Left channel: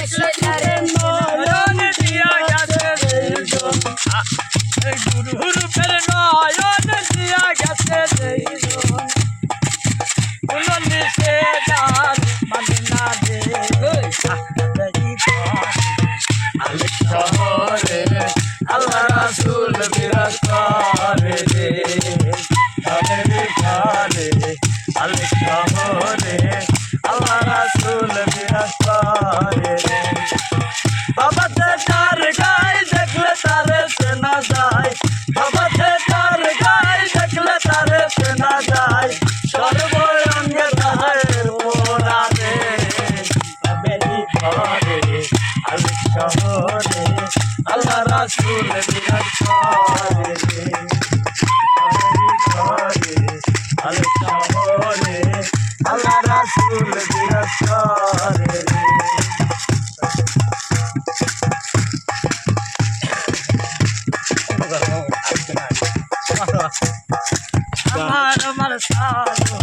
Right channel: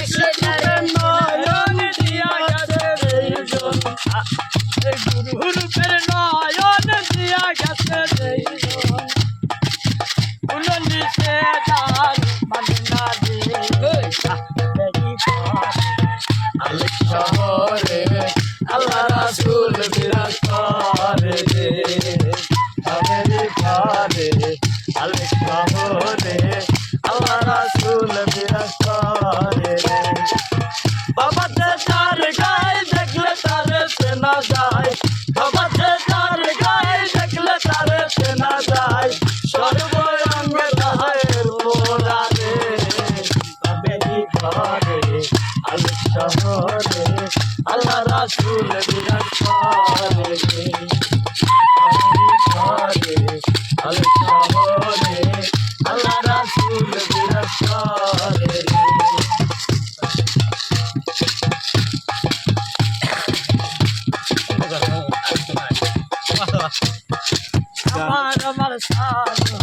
নয়ন দিয়া গেছে রে জন গুরুর ফের নয়ন দিয়া গেছে রে জন কোন নিষেধার মানে না রে শহরে আল্লাহ রাসূল বিরাজ করে রে আমেরিকারে আল শহরে আল্লাহ রাসূল বিরাজ করে রে বাবা তার গায়ে দেখলে তারে চেনা যায় বাবা তার গায়ে দেখলে তারে চেনা যায় সর্বঙ্গ তাহের মোরা রে আমেরিকারে আল শহরে আল্লাহ রাসূল বিরাজ করে রে আমেরিকারে আল শহরে আল্লাহ রাসূল বিরাজ করে রে আমার সাধু